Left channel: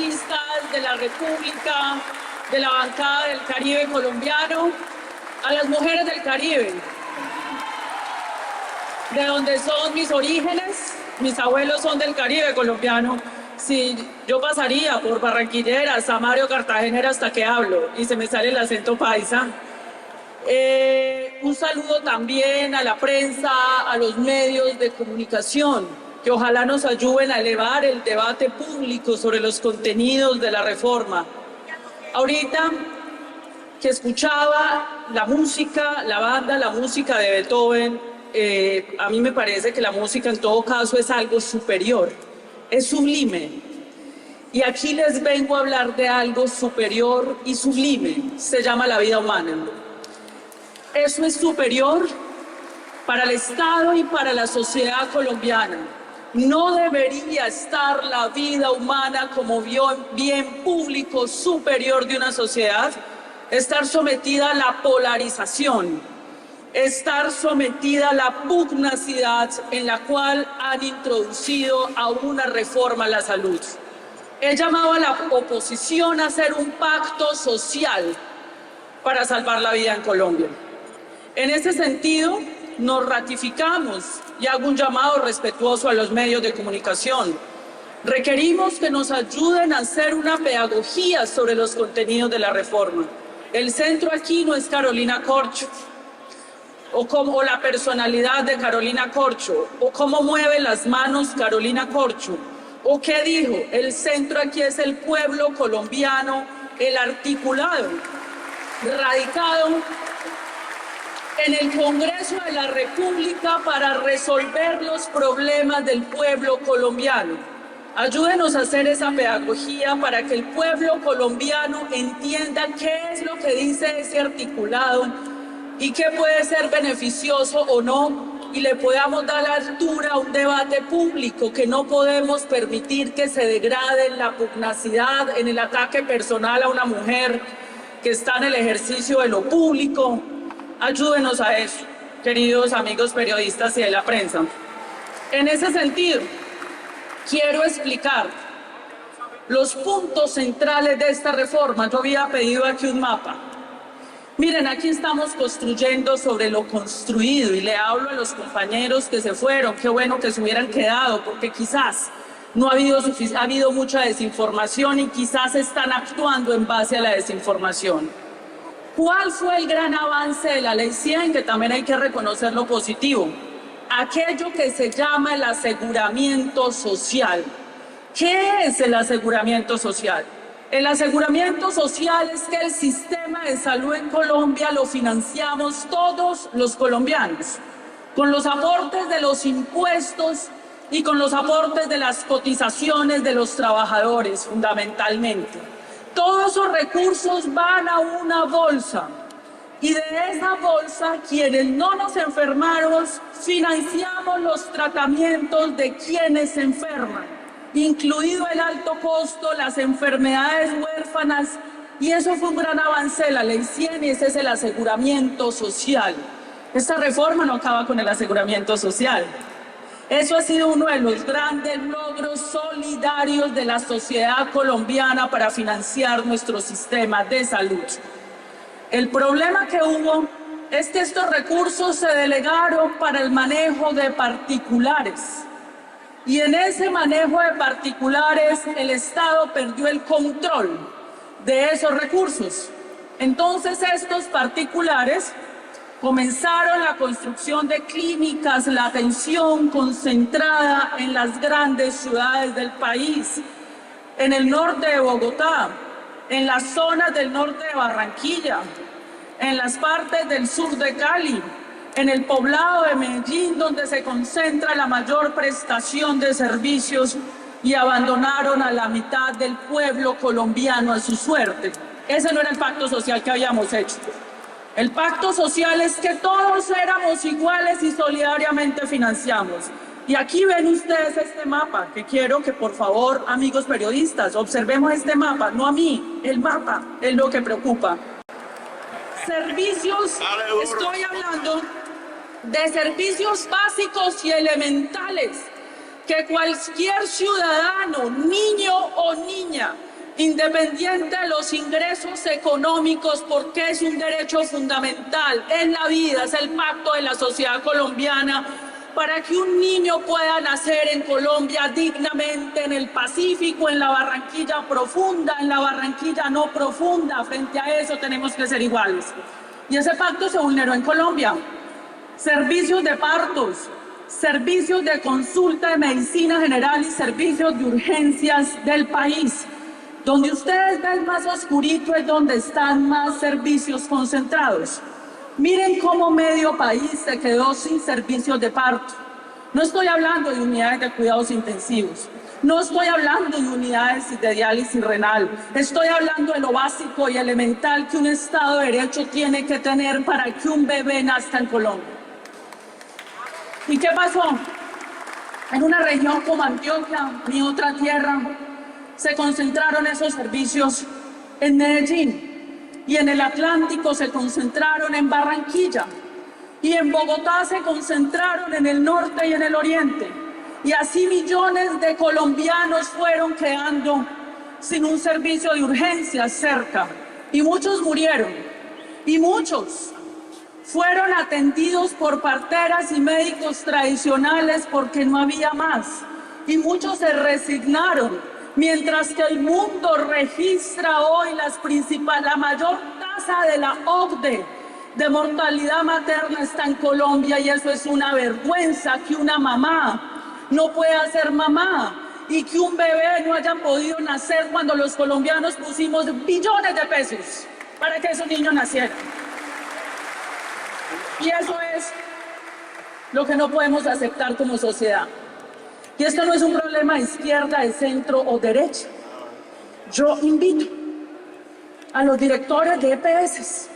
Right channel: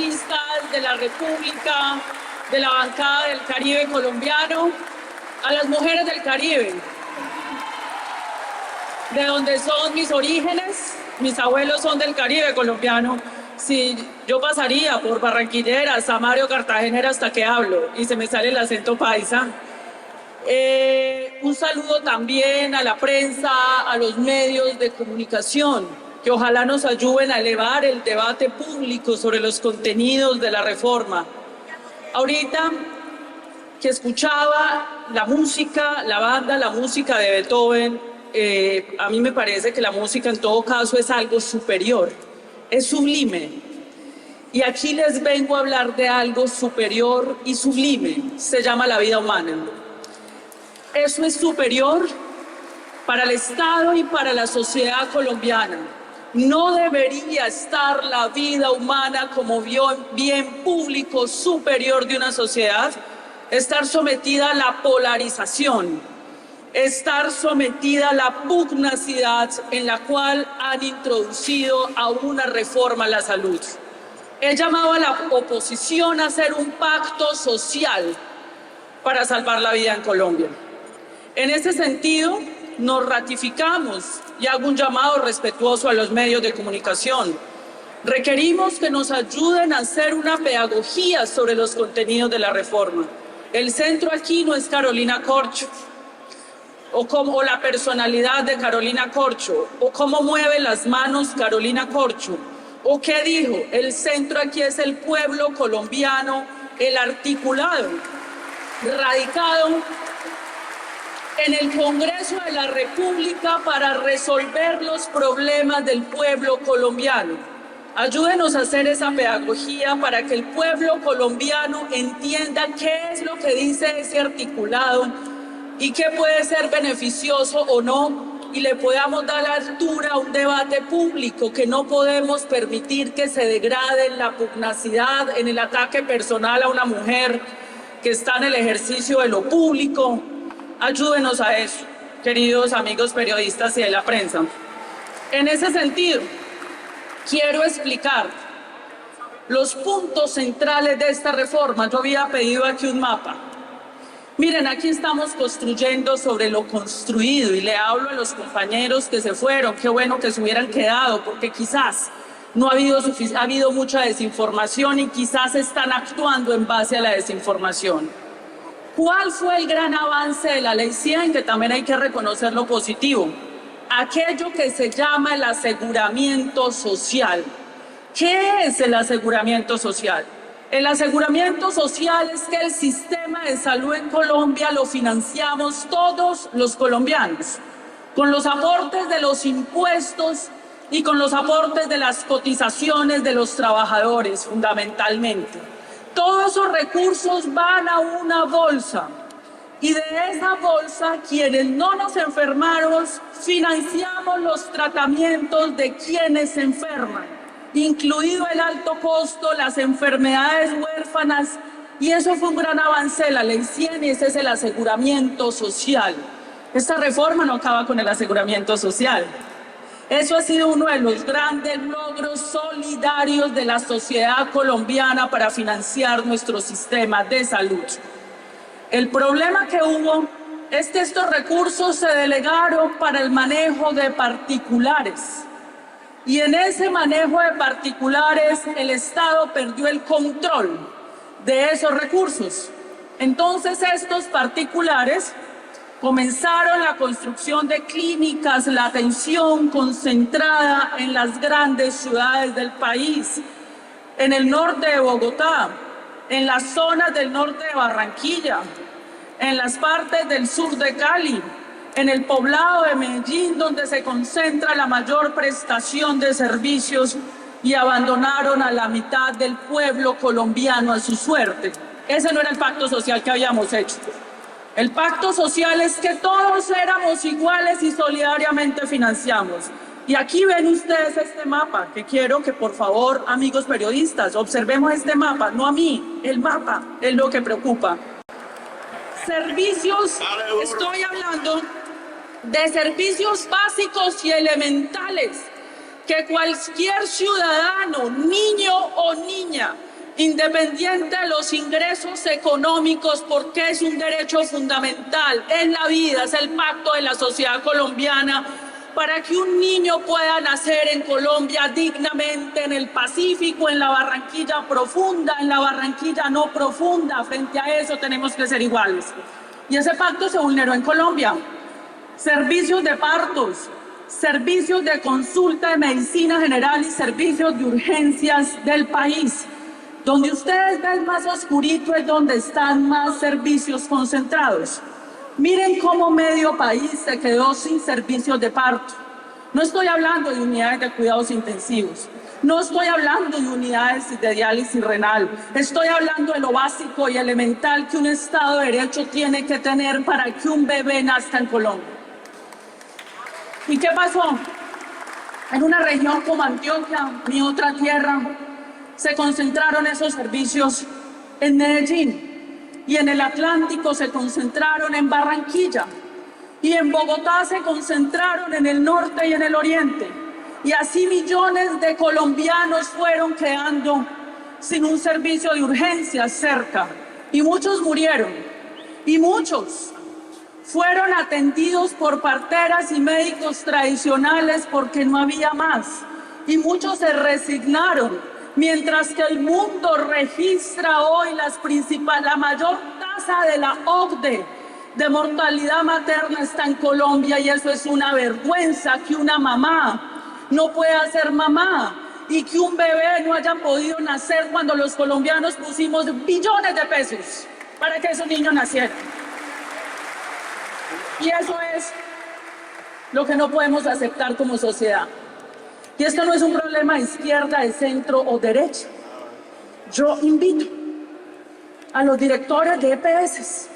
congresistas de la República, de la bancada del Caribe colombiano, a las mujeres del Caribe, de donde son mis orígenes. Mis abuelos son del Caribe colombiano. Si yo pasaría por barranquilleras, Samario, cartagenera hasta que hablo y se me sale el acento paisa. Un saludo también a la prensa, a los medios de comunicación, que ojalá nos ayuden a elevar el debate público sobre los contenidos de la reforma. Ahorita que escuchaba la música, la banda, la música de Beethoven, a mí me parece que la música en todo caso es algo superior, es sublime. Y aquí les vengo a hablar de algo superior y sublime, se llama la vida humana. Eso es superior para el Estado y para la sociedad colombiana. No debería estar la vida humana como bien público superior de una sociedad, estar sometida a la polarización, estar sometida a la pugnacidad en la cual han introducido a una reforma a la salud. He llamado a la oposición a hacer un pacto social para salvar la vida en Colombia. En ese sentido, nos ratificamos y hago un llamado respetuoso a los medios de comunicación. Requerimos que nos ayuden a hacer una pedagogía sobre los contenidos de la reforma. El centro aquí no es Carolina Corcho, o la personalidad de Carolina Corcho, o cómo mueve las manos Carolina Corcho, o qué dijo. El centro aquí es el pueblo colombiano, el articulado, radicado en el Congreso de la República para resolver los problemas del pueblo colombiano. Ayúdenos a hacer esa pedagogía para que el pueblo colombiano entienda qué es lo que dice ese articulado y qué puede ser beneficioso o no, y le podamos dar altura a un debate público, que no podemos permitir que se degrade en la pugnacidad, en el ataque personal a una mujer que está en el ejercicio de lo público. Ayúdenos a eso, queridos amigos periodistas y de la prensa. En ese sentido, quiero explicar los puntos centrales de esta reforma. Yo había pedido aquí un mapa. Miren, aquí estamos construyendo sobre lo construido, y le hablo a los compañeros que se fueron. Qué bueno que se hubieran quedado, porque quizás no ha habido mucha desinformación y quizás están actuando en base a la desinformación. ¿Cuál fue el gran avance de la Ley 100? Que también hay que reconocer lo positivo. Aquello que se llama el aseguramiento social. ¿Qué es el aseguramiento social? El aseguramiento social es que el sistema de salud en Colombia lo financiamos todos los colombianos, con los aportes de los impuestos y con los aportes de las cotizaciones de los trabajadores, fundamentalmente. Todos esos recursos van a una bolsa, y de esa bolsa, quienes no nos enfermamos, financiamos los tratamientos de quienes se enferman, incluido el alto costo, las enfermedades huérfanas, y eso fue un gran avance de la Ley 100, y ese es el aseguramiento social. Esta reforma no acaba con el aseguramiento social. Eso ha sido uno de los grandes logros solidarios de la sociedad colombiana para financiar nuestro sistema de salud. El problema que hubo es que estos recursos se delegaron para el manejo de particulares. Y en ese manejo de particulares, el Estado perdió el control de esos recursos. Entonces, estos particulares comenzaron la construcción de clínicas, la atención concentrada en las grandes ciudades del país, en el norte de Bogotá, en las zonas del norte de Barranquilla, en las partes del sur de Cali, en el poblado de Medellín, donde se concentra la mayor prestación de servicios, y abandonaron a la mitad del pueblo colombiano a su suerte. Ese no era el pacto social que habíamos hecho. El pacto social es que todos éramos iguales y solidariamente financiamos. Y aquí ven ustedes este mapa, que quiero que por favor, amigos periodistas, observemos este mapa, no a mí, el mapa es lo que preocupa. Servicios, estoy hablando de servicios básicos y elementales que cualquier ciudadano, niño o niña, independiente de los ingresos económicos, porque es un derecho fundamental en la vida, es el pacto de la sociedad colombiana, para que un niño pueda nacer en Colombia dignamente, en el Pacífico, en la Barranquilla profunda, en la Barranquilla no profunda. Frente a eso tenemos que ser iguales. Y ese pacto se vulneró en Colombia. Servicios de partos, servicios de consulta de medicina general y servicios de urgencias del país. Donde ustedes ven más oscurito es donde están más servicios concentrados. Miren cómo medio país se quedó sin servicios de parto. No estoy hablando de unidades de cuidados intensivos. No estoy hablando de unidades de diálisis renal. Estoy hablando de lo básico y elemental que un Estado de Derecho tiene que tener para que un bebé nazca en Colombia. ¿Y qué pasó? En una región como Antioquia, mi otra tierra, se concentraron esos servicios en Medellín. Y en el Atlántico se concentraron en Barranquilla. Y en Bogotá se concentraron en el norte y en el oriente. Y así millones de colombianos fueron quedando sin un servicio de urgencias cerca. Y muchos murieron. Y muchos fueron atendidos por parteras y médicos tradicionales porque no había más. Y muchos se resignaron. Mientras que el mundo registra hoy la mayor tasa de la OCDE de mortalidad materna está en Colombia, y eso es una vergüenza, que una mamá no pueda ser mamá y que un bebé no haya podido nacer cuando los colombianos pusimos billones de pesos para que esos niños nacieran. Y eso es lo que no podemos aceptar como sociedad. Y esto no es un problema de izquierda, de centro o derecha. Yo invito a los directores de EPS,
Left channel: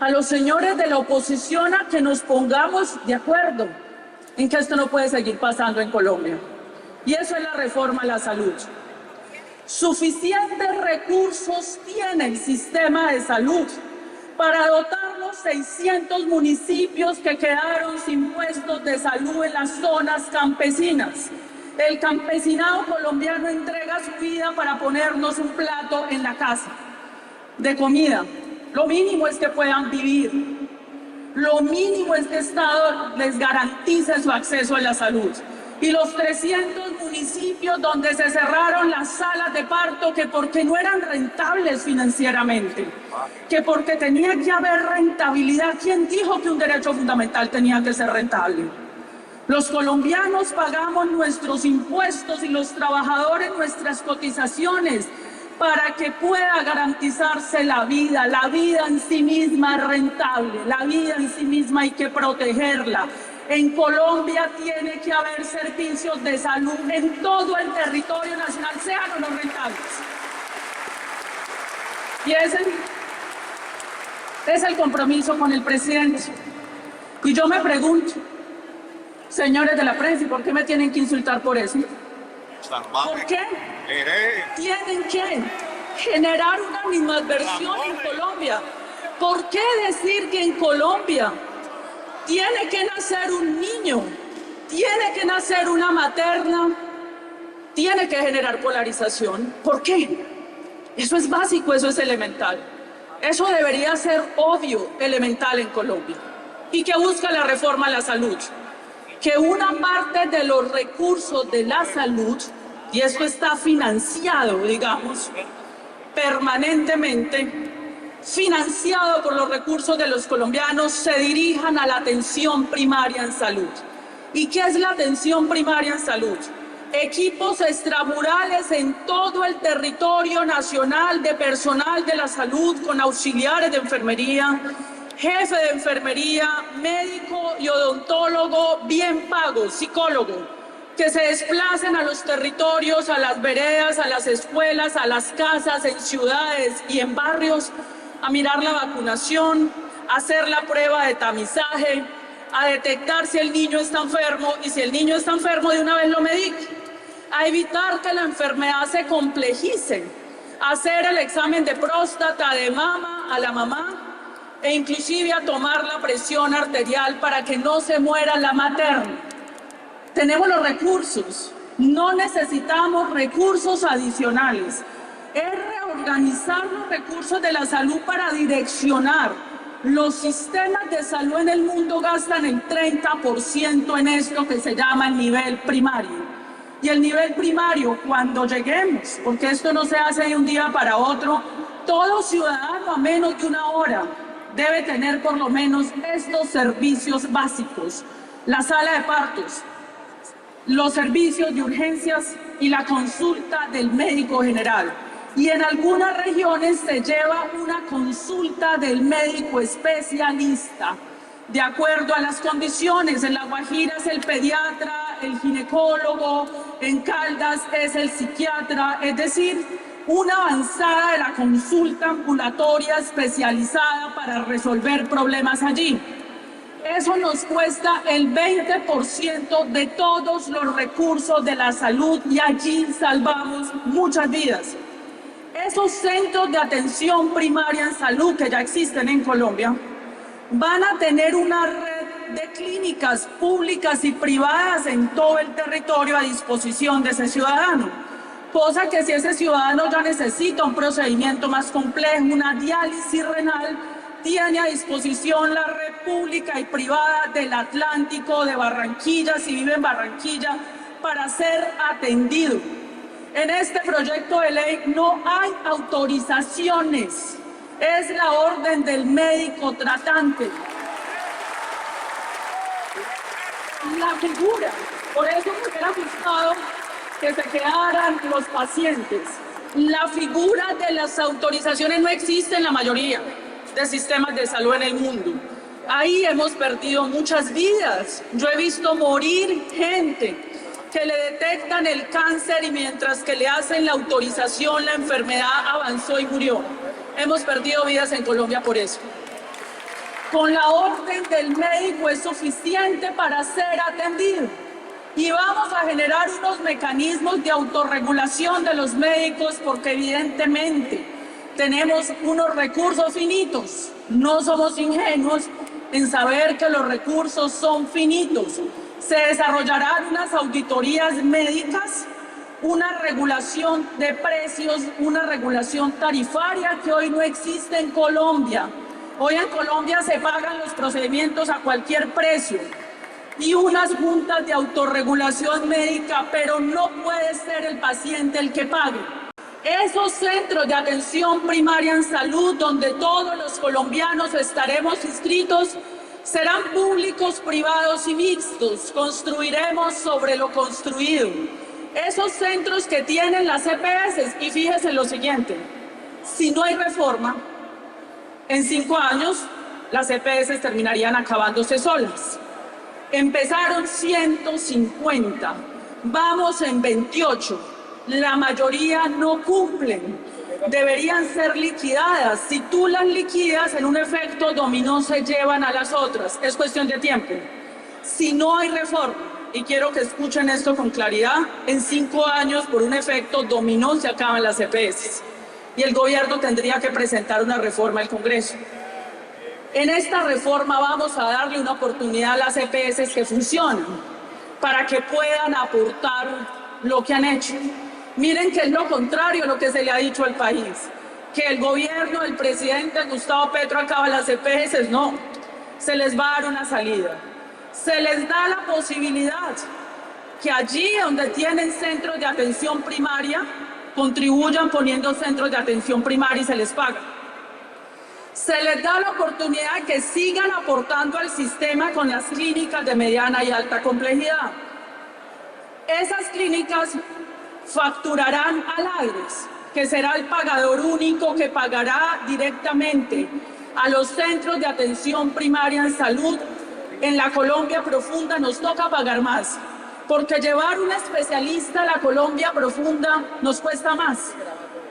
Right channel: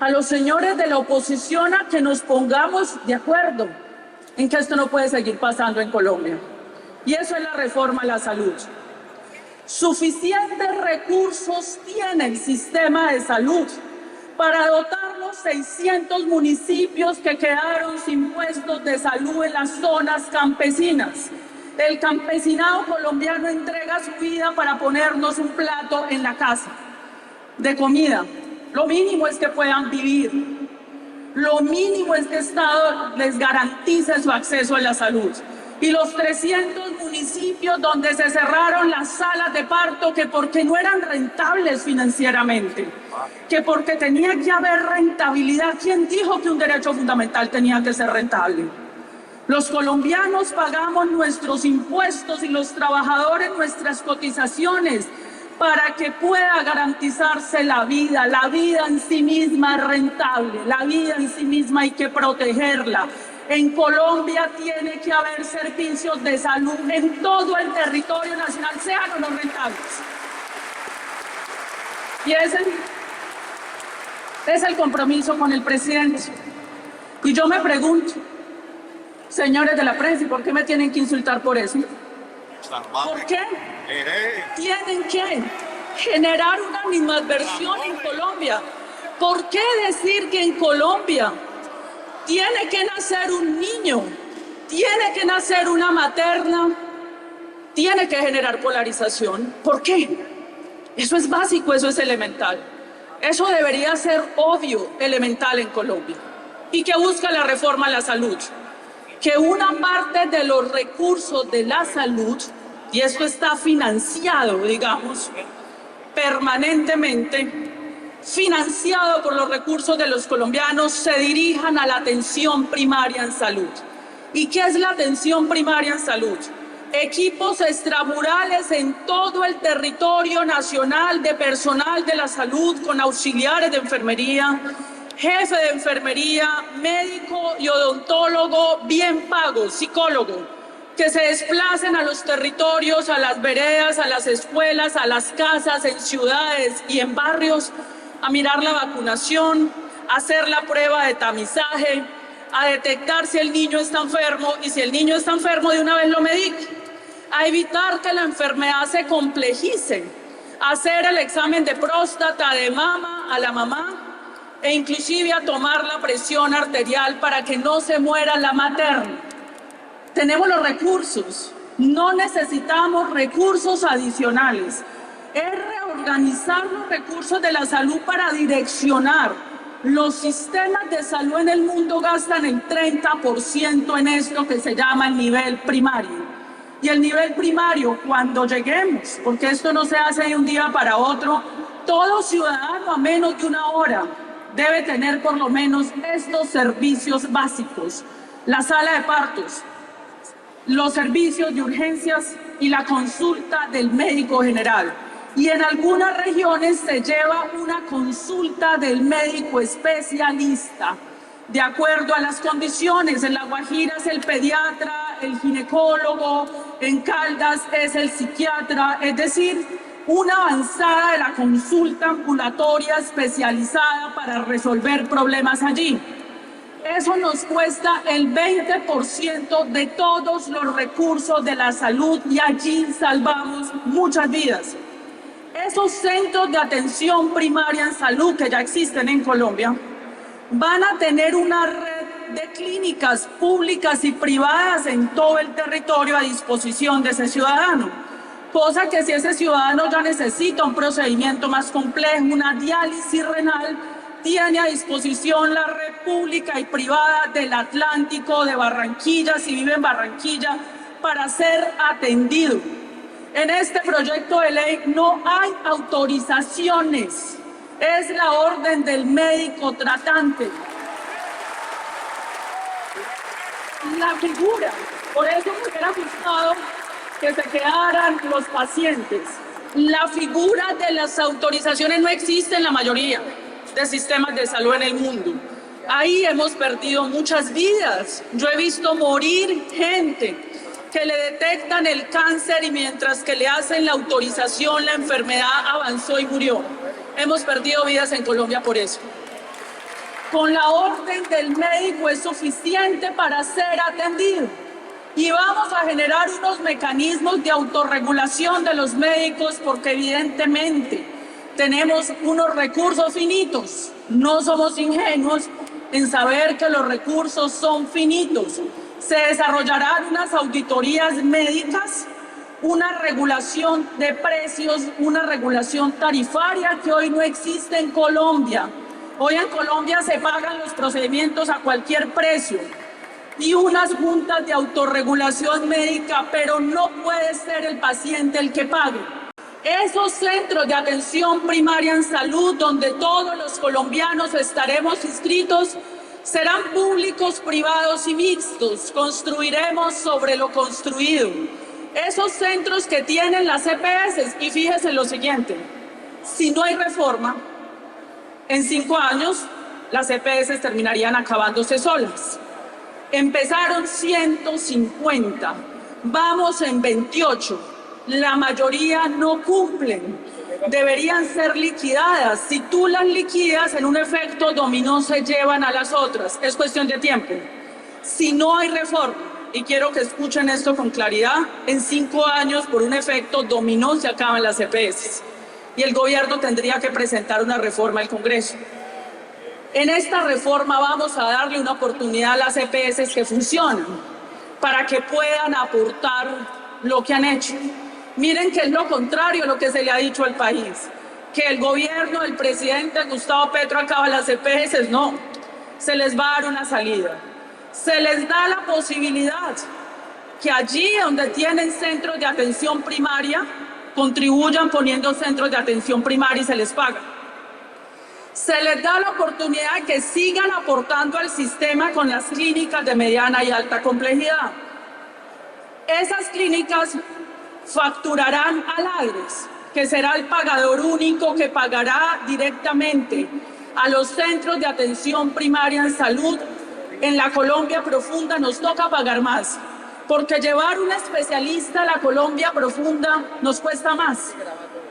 a los señores de la oposición, a que nos pongamos de acuerdo en que esto no puede seguir pasando en Colombia. Y eso es la reforma a la salud. Suficientes recursos tiene el sistema de salud para dotar los 600 municipios que quedaron sin puestos de salud en las zonas campesinas. El campesinado colombiano entrega su vida para ponernos un plato en la casa de comida. Lo mínimo es que puedan vivir. Lo mínimo es que el Estado les garantice su acceso a la salud. Y los 300 municipios donde se cerraron las salas de parto, que porque no eran rentables financieramente, que porque tenía que haber rentabilidad. ¿Quién dijo que un derecho fundamental tenía que ser rentable? Los colombianos pagamos nuestros impuestos y los trabajadores nuestras cotizaciones para que pueda garantizarse la vida. La vida en sí misma es rentable, la vida en sí misma hay que protegerla. En Colombia tiene que haber servicios de salud en todo el territorio nacional, sean o no rentables. Y ese es el compromiso con el presidente. Y yo me pregunto, señores de la prensa, ¿y por qué me tienen que insultar por eso? ¿Por qué? Tienen que generar una animadversión en Colombia. ¿Por qué decir que en Colombia tiene que nacer un niño, tiene que nacer una materna, tiene que generar polarización? ¿Por qué? Eso es básico, eso es elemental. Eso debería ser obvio, elemental en Colombia. ¿Y qué busca la reforma a la salud? Que una parte de los recursos de la salud, y esto está financiado, digamos, permanentemente, financiado por los recursos de los colombianos, se dirijan a la atención primaria en salud. ¿Y qué es la atención primaria en salud? Equipos extramurales en todo el territorio nacional de personal de la salud, con auxiliares de enfermería, jefe de enfermería, médico y odontólogo bien pagos, psicólogo, que se desplacen a los territorios, a las veredas, a las escuelas, a las casas, en ciudades y en barrios, a mirar la vacunación, a hacer la prueba de tamizaje, a detectar si el niño está enfermo, y si el niño está enfermo de una vez lo medique, a evitar que la enfermedad se complejice, a hacer el examen de próstata, de mama a la mamá, e inclusive a tomar la presión arterial para que no se muera la materna. Tenemos los recursos, no necesitamos recursos adicionales. es reorganizar los recursos de la salud para direccionar. Los sistemas de salud en el mundo gastan el 30% en esto que se llama el nivel primario. Y el nivel primario, cuando lleguemos, porque esto no se hace de un día para otro, todo ciudadano a menos de una hora debe tener por lo menos estos servicios básicos: la sala de partos, los servicios de urgencias y la consulta del médico general. Y en algunas regiones se lleva una consulta del médico especialista, de acuerdo a las condiciones. En La Guajira es el pediatra, el ginecólogo, en Caldas es el psiquiatra, es decir, una avanzada de la consulta ambulatoria especializada para resolver problemas allí. Eso nos cuesta el 20% de todos los recursos de la salud y allí salvamos muchas vidas. Esos centros de atención primaria en salud que ya existen en Colombia van a tener una red de clínicas públicas y privadas en todo el territorio a disposición de ese ciudadano. Cosa que si ese ciudadano ya necesita un procedimiento más complejo, una diálisis renal, tiene a disposición la red pública y privada del Atlántico, de Barranquilla, si vive en Barranquilla, para ser atendido. En este proyecto de ley no hay autorizaciones, es la orden del médico tratante. La figura, por eso me hubiera gustado que se quedaran los pacientes. La figura de las autorizaciones no existe en la mayoría de sistemas de salud en el mundo. Ahí hemos perdido muchas vidas. Yo he visto morir gente que le detectan el cáncer y mientras que le hacen la autorización, la enfermedad avanzó y murió. Hemos perdido vidas en Colombia por eso. Con la orden del médico es suficiente para ser atendido. Y vamos a generar unos mecanismos de autorregulación de los médicos porque evidentemente tenemos unos recursos finitos. No somos ingenuos en saber que los recursos son finitos. Se desarrollarán unas auditorías médicas, una regulación de precios, una regulación tarifaria que hoy no existe en Colombia. Hoy en Colombia se pagan los procedimientos a cualquier precio y unas juntas de autorregulación médica, pero no puede ser el paciente el que pague. Esos centros de atención primaria en salud, donde todos los colombianos estaremos inscritos, serán públicos, privados y mixtos. Construiremos sobre lo construido. Esos centros que tienen las EPS, y fíjese lo siguiente, si no hay reforma, en 5 años las EPS terminarían acabándose solas. Empezaron 150, vamos en 28, la mayoría no cumplen, deberían ser liquidadas. Si tú las liquidas, en un efecto dominó se llevan a las otras, es cuestión de tiempo. Si no hay reforma, y quiero que escuchen esto con claridad, en 5 años por un efecto dominó se acaban las EPS y el gobierno tendría que presentar una reforma al Congreso. En esta reforma vamos a darle una oportunidad a las EPS que funcionan para que puedan aportar lo que han hecho. Miren que es lo contrario a lo que se le ha dicho al país, que el gobierno del presidente Gustavo Petro acaba las EPS. No, se les va a dar una salida. Se les da la posibilidad que allí donde tienen centros de atención primaria, contribuyan poniendo centros de atención primaria y se les paga. Se les da la oportunidad de que sigan aportando al sistema con las clínicas de mediana y alta complejidad. Esas clínicas facturarán al ADRES, que será el pagador único que pagará directamente a los centros de atención primaria en salud. En la Colombia profunda nos toca pagar más, porque llevar un especialista a la Colombia profunda nos cuesta más.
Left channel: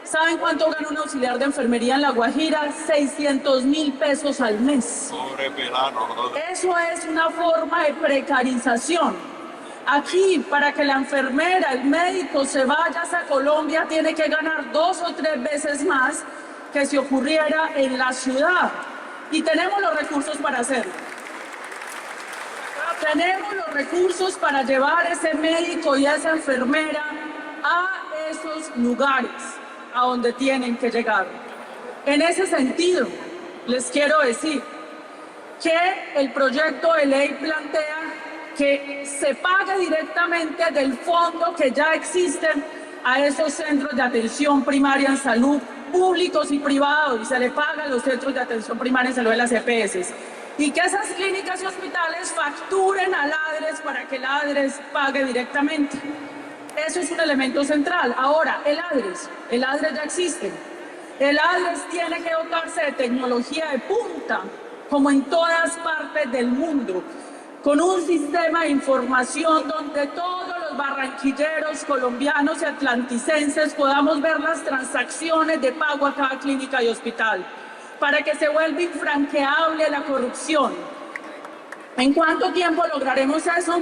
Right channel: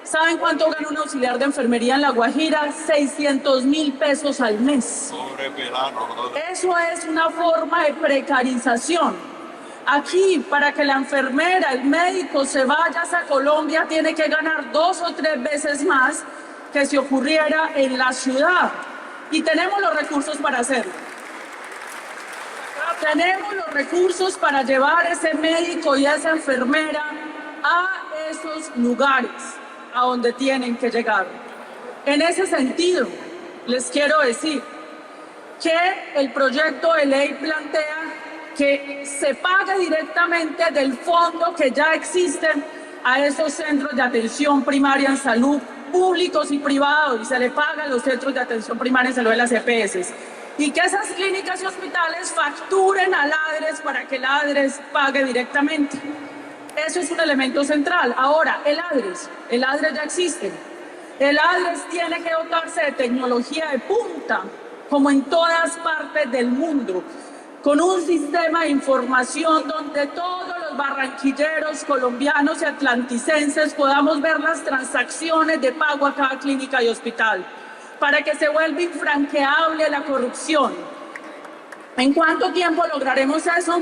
¿Saben cuánto gana un auxiliar de enfermería en La Guajira? 600.000 pesos al mes. Eso es una forma de precarización. Aquí, para que la enfermera, el médico se vaya a Colombia, tiene que ganar 2 o 3 veces más que si ocurriera en la ciudad. Y tenemos los recursos para hacerlo. Tenemos los recursos para llevar a ese médico y a esa enfermera a esos lugares. a donde tienen que llegar. En ese sentido, les quiero decir que el proyecto de ley plantea que se pague directamente del fondo que ya existen a esos centros de atención primaria en salud públicos y privados, y se le paga a los centros de atención primaria en salud de las EPS, y que esas clínicas y hospitales facturen al ADRES para que el ADRES pague directamente. Eso es un elemento central. Ahora, el ADRES ya existe. El ADRES tiene que dotarse de tecnología de punta, como en todas partes del mundo, con un sistema de información donde todos los barranquilleros, colombianos y atlanticenses podamos ver las transacciones de pago a cada clínica y hospital, para que se vuelva infranqueable la corrupción. ¿En cuánto tiempo lograremos eso?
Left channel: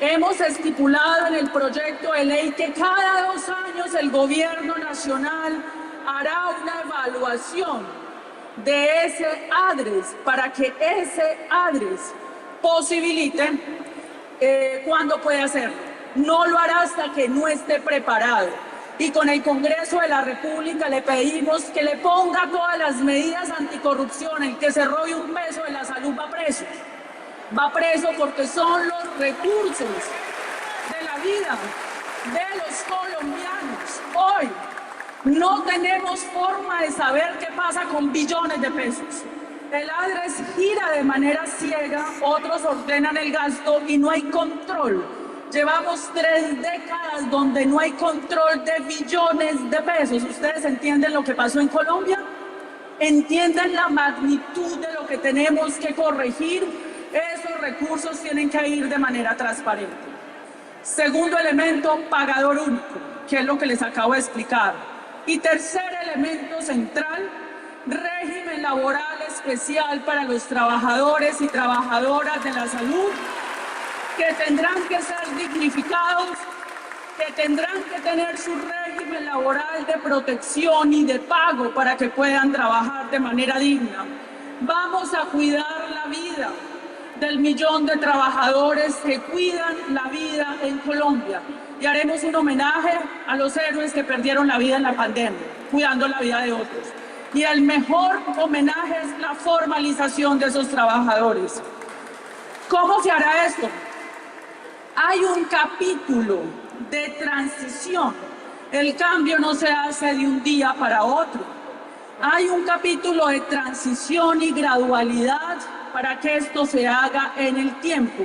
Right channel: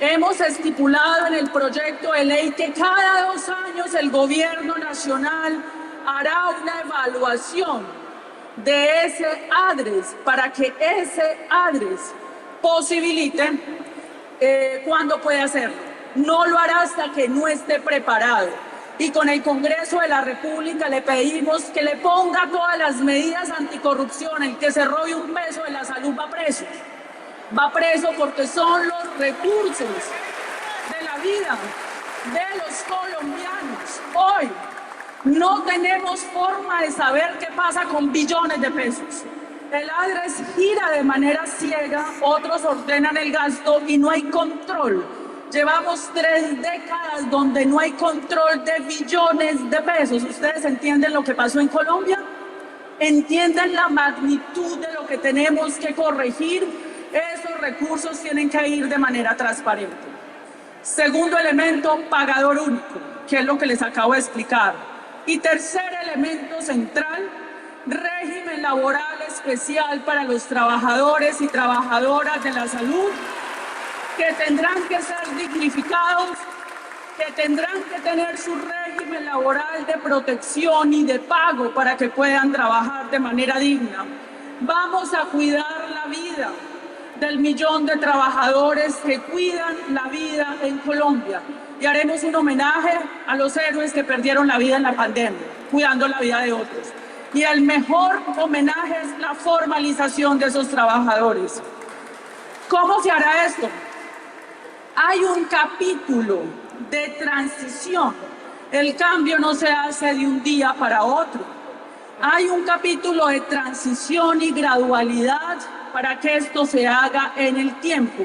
Hemos estipulado en el proyecto de ley que cada 2 años el gobierno nacional hará una evaluación de ese ADRES para que ese ADRES posibilite cuándo puede hacerlo. No lo hará hasta que no esté preparado. Y con el Congreso de la República le pedimos que le ponga todas las medidas anticorrupción. El que se robe un peso de la salud va preso. Va preso porque son los recursos de la vida de los colombianos. Hoy no tenemos forma de saber qué pasa con billones de pesos. El ADRES gira de manera ciega, otros ordenan el gasto y no hay control. Llevamos 3 décadas donde no hay control de billones de pesos. ¿Ustedes entienden lo que pasó en Colombia? ¿Entienden la magnitud de lo que tenemos que corregir? Esos recursos tienen que ir de manera transparente. Segundo elemento, pagador único, que es lo que les acabo de explicar. Y tercer elemento central, régimen laboral especial para los trabajadores y trabajadoras de la salud, que tendrán que ser dignificados, que tendrán que tener su régimen laboral de protección y de pago para que puedan trabajar de manera digna. Vamos a cuidar la vida del millón de trabajadores que cuidan la vida en Colombia y haremos un homenaje a los héroes que perdieron la vida en la pandemia, cuidando la vida de otros. Y el mejor homenaje es la formalización de esos trabajadores. ¿Cómo se hará esto? Hay un capítulo de transición. El cambio no se hace de un día para otro. Hay un capítulo de transición y gradualidad para que esto se haga en el tiempo.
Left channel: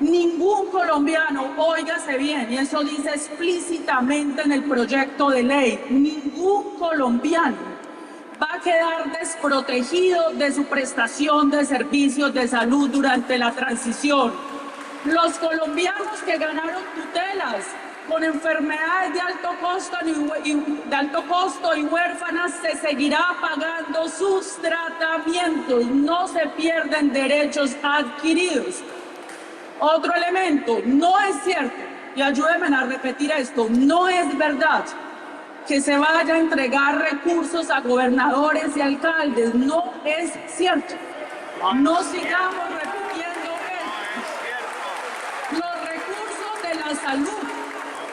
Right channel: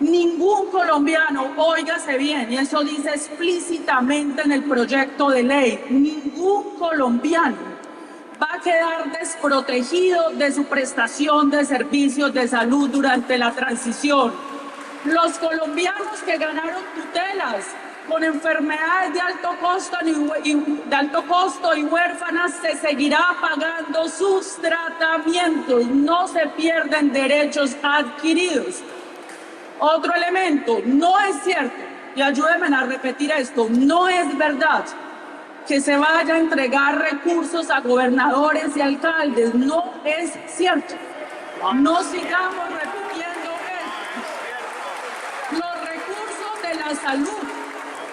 Ningún colombiano, óigase bien, y eso dice explícitamente en el proyecto de ley, ningún colombiano va a quedar desprotegido de su prestación de servicios de salud durante la transición. Los colombianos que ganaron tutelas con enfermedades de alto costo y huérfanas se seguirá pagando sus tratamientos, no se pierden derechos adquiridos. Otro elemento, no es cierto, y ayúdenme a repetir esto, no es verdad que se vaya a entregar recursos a gobernadores y alcaldes, no es cierto. No sigamos repitiendo esto. Los recursos de la salud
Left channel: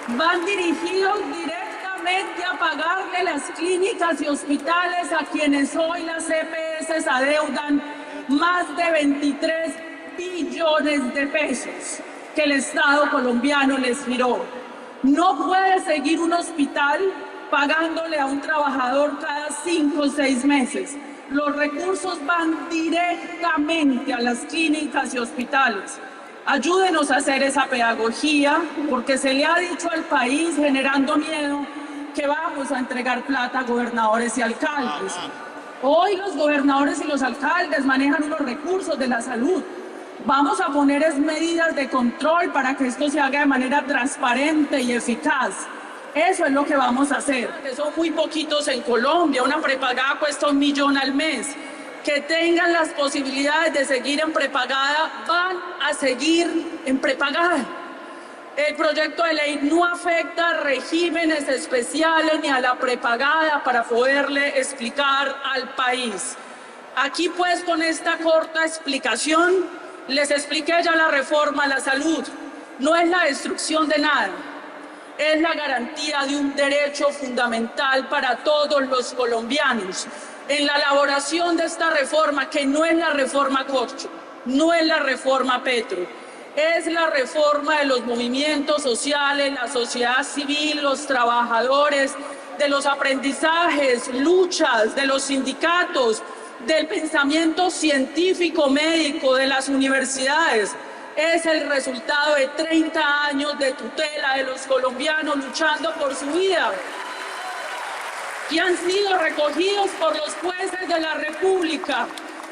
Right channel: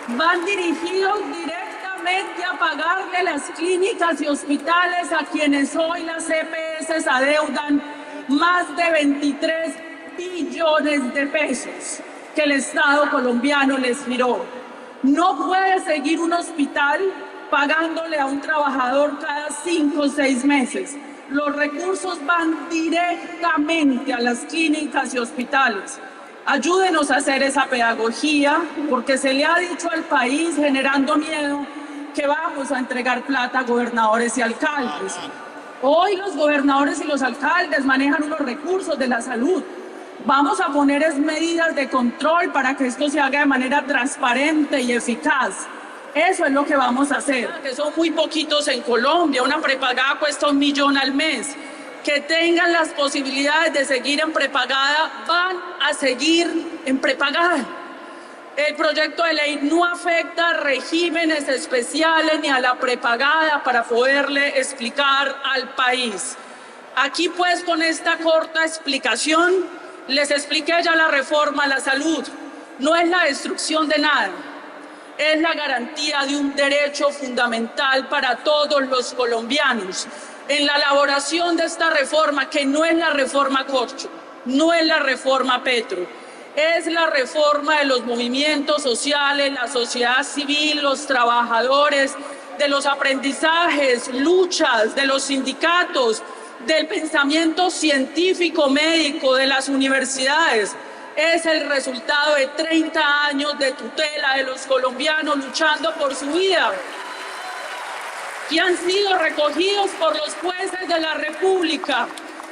van dirigidos directamente a pagarle las clínicas y hospitales a quienes hoy las EPS adeudan más de 23 billones de pesos que el Estado colombiano les giró. No puede seguir un hospital pagándole a un trabajador cada 5 o 6 meses. Los recursos van directamente a las clínicas y hospitales. Ayúdenos a hacer esa pedagogía, porque se le ha dicho al país, generando miedo, que vamos a entregar plata a gobernadores y alcaldes. Hoy los gobernadores y los alcaldes manejan unos recursos de la salud. Vamos a poner medidas de control para que esto se haga de manera transparente y eficaz. Eso es lo que vamos a hacer. Que son muy poquitos en Colombia, una prepagada cuesta 1 millón al mes. Que tengan las posibilidades de seguir en prepagada, van a seguir en prepagada. El proyecto de ley no afecta a regímenes especiales ni a la prepagada para poderle explicar al país. Aquí pues con esta corta explicación les expliqué ya la reforma a la salud. No es la destrucción de nada. es la garantía de un derecho fundamental para todos los colombianos. En la elaboración de esta reforma, que no es la reforma Corcho, no es la reforma Petro, es la reforma de los movimientos sociales, la sociedad civil, los trabajadores, de los aprendizajes, luchas, de los sindicatos, del pensamiento científico médico, de las universidades. Es el resultado de 30 años de tutela de los colombianos luchando por su vida, que han sido recogidos por los jueces de la República.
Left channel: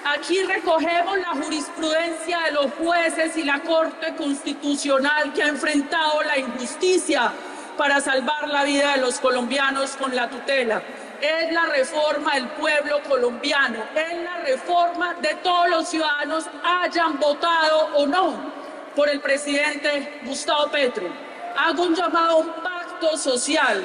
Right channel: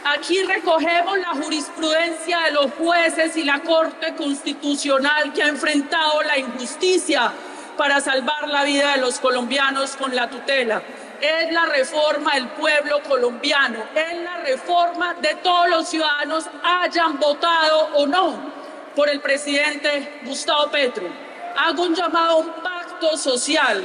Aquí recogemos la jurisprudencia de los jueces y la Corte Constitucional que ha enfrentado la injusticia para salvar la vida de los colombianos con la tutela. Es la reforma del pueblo colombiano, es la reforma de todos los ciudadanos, hayan votado o no por el presidente Gustavo Petro. Hago un llamado a un pacto social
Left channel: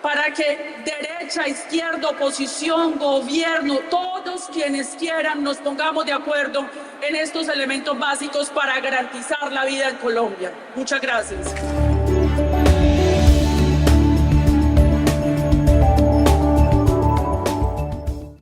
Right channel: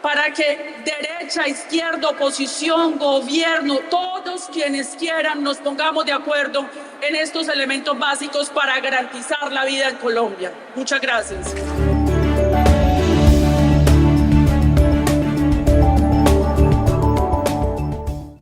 para que derecha, izquierda, oposición, gobierno, todos quienes quieran nos pongamos de acuerdo en estos elementos básicos para garantizar la vida en Colombia. Muchas gracias.